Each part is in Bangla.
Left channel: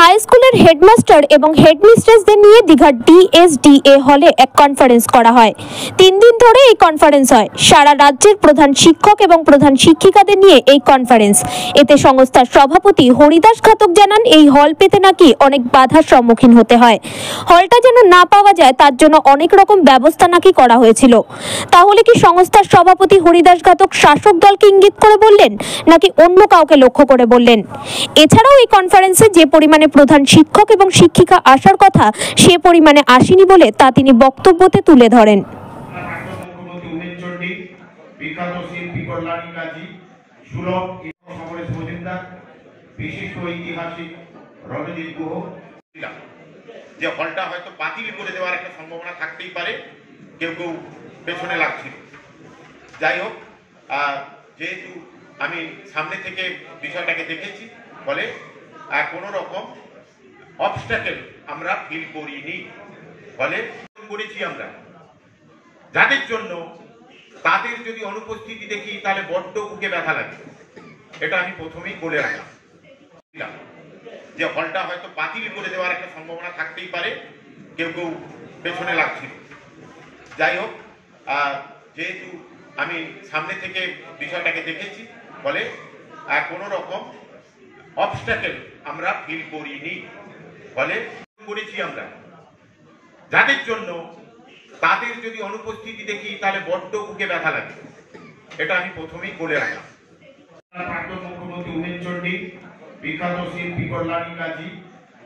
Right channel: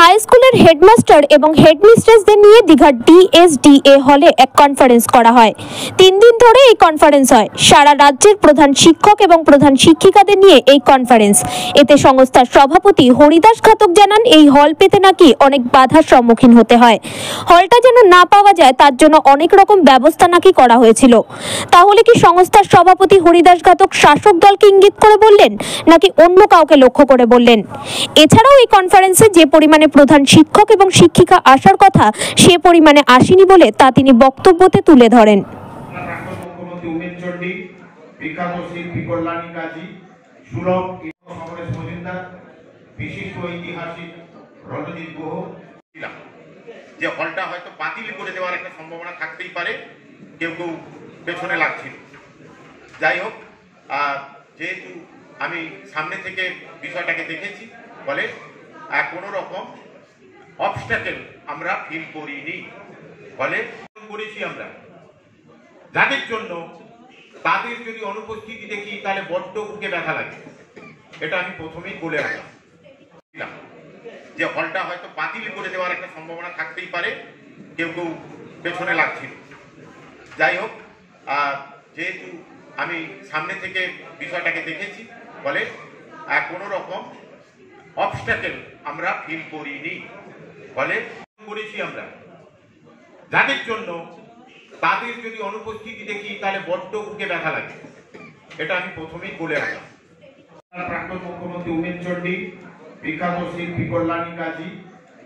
হাই স্কুলের হেডমাস্টার এবং হেডমিস্ট্রেসদের নিয়ে দীঘার ডিএসডিএ হলে এক কনফারেন্স করা হয়। 3 দিন ধরে এই কনফারেন্স হয়। সারা রাজ্যের প্রধান শিক্ষক এবং প্রধান শিক্ষিকাদের নিয়ে এই কনফারেন্স। এতে সংস্থার সভাপতি হরিদাস ঘাতক জানান, এই হল পেতে নাকি অনেক বাধার সম্মুখীন হতে হয়। হলটা যেন না পাওয়া যায় তার জন্য অনেক রকম ব্যবস্থা নাকি করা হয়েছিল। তাহলে কি সংস্থার সভাপতি হরিদাস ঘাতক শাসক দলকে ইঙ্গিত করে বললেন, নাকি অন্য কাউকে লক্ষ্য করে বললেন? এছাড়াও এই কনফারেন্সে যে পরিমাণে প্রধান শিক্ষক এবং শিক্ষিকা আসার কথা সে পরিমাণে আসেনি বলে তা তিনি বক্তব্যতে তুলে ধরেন। যে হলটা হয়তো বাতিল করে দেওয়ার একটা সম্ভাবনা থাকতেই পারে, কেউ কেউ পেছনে লাগছিল। যাই হোক, যেহেতু আমি সামনে থেকে বিষয়টাকে দেখেছি বলে কোনো রকম অবস্ট্যাকেল আমরা ফিল করিনি, বলে করেছি আমরা যাদের জন্য তাদের যদি অনুপস্থিতি দেখি তাহলে বড্ড বুকে ব্যথা লাগে। এটা আমি প্রথমেই বলে আসলাম যে হলটা হয়তো বাতিল করে দেওয়ার একটা সম্ভাবনা থাকতেই পারে, কেউ কেউ পেছনে লাগছিল। যাই হোক, যেহেতু আমি সামনে থেকে বিষয়টাকে দেখেছি বলে কোনো রকম অবস্ট্যাকেল আমরা ফিল করিনি, বলে করেছি আমরা যাদের জন্য তাদের যদি অনুপস্থিতি দেখি তাহলে বড্ড বুকে ব্যথা লাগে। এটা আমি প্রথমেই বলে আসলাম। প্রাক্তন মুখ্যমন্ত্রী উনিশচন্ডী বিখ্যাত শিল্পী কল্যাণী কাজী,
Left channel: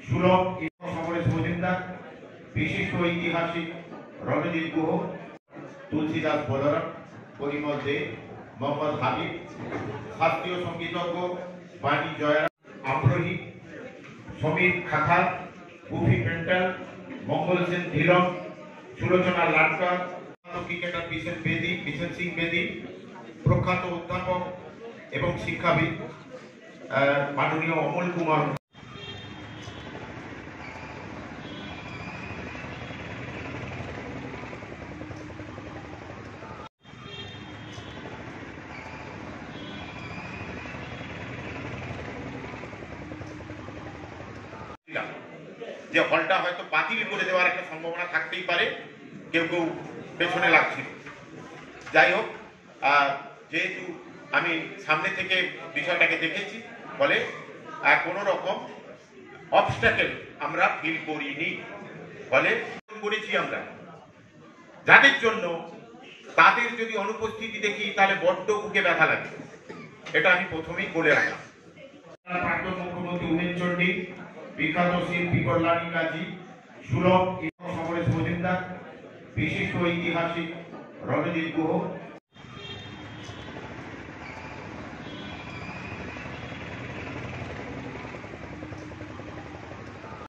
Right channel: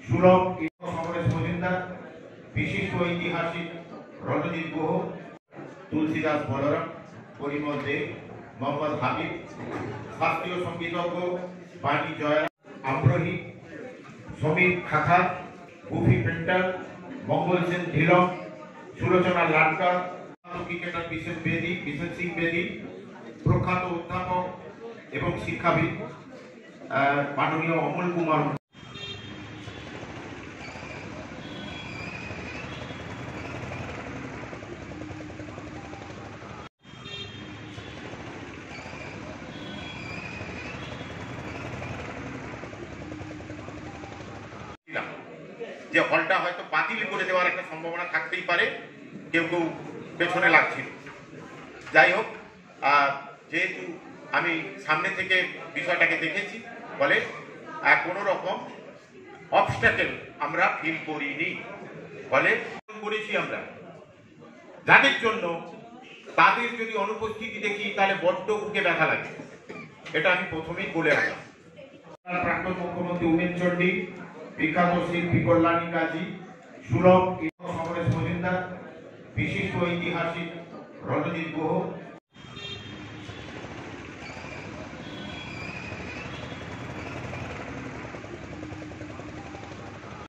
সুলভ সমরেশ মজুমদার, বিশিষ্ট ঐতিহাসিক রণজিৎ গুহ, তুলসীদাস বলরাম, পরিমল দে, মোহাম্মদ হাবিব, শাস্ত্রীয় সঙ্গীতজ্ঞ বাণী জয়রাম, আম্রহী, সমীর খাখার, গুফি পেন্টার, মঙ্গল সেন ঢিলম, সুলোচনা লাটকার, ক্রিকেটার বিশেষ সিং বেদী, প্রখ্যাত অধ্যাপক এবং শিক্ষাবিদ মাননীয় অমল কুমার। যে হলটা হয়তো বাতিল করে দেওয়ার একটা সম্ভাবনা থাকতেই পারে, কেউ কেউ পেছনে লাগছিল। যাই হোক, যেহেতু আমি সামনে থেকে বিষয়টাকে দেখেছি বলে কোনো রকম অবস্ট্যাকেল আমরা ফিল করিনি, বলে করেছি আমরা যাদের জন্য তাদের যদি অনুপস্থিতি দেখি তাহলে বড্ড বুকে ব্যথা লাগে। এটা আমি প্রথমেই বলে আসলাম। প্রাক্তন মুখ্যমন্ত্রী উনিশচন্ডী বিখ্যাত শিল্পী কল্যাণী কাজী, সুলভ সমরেশ মজুমদার, বিশিষ্ট ঐতিহাসিক রণজিৎ গুহ,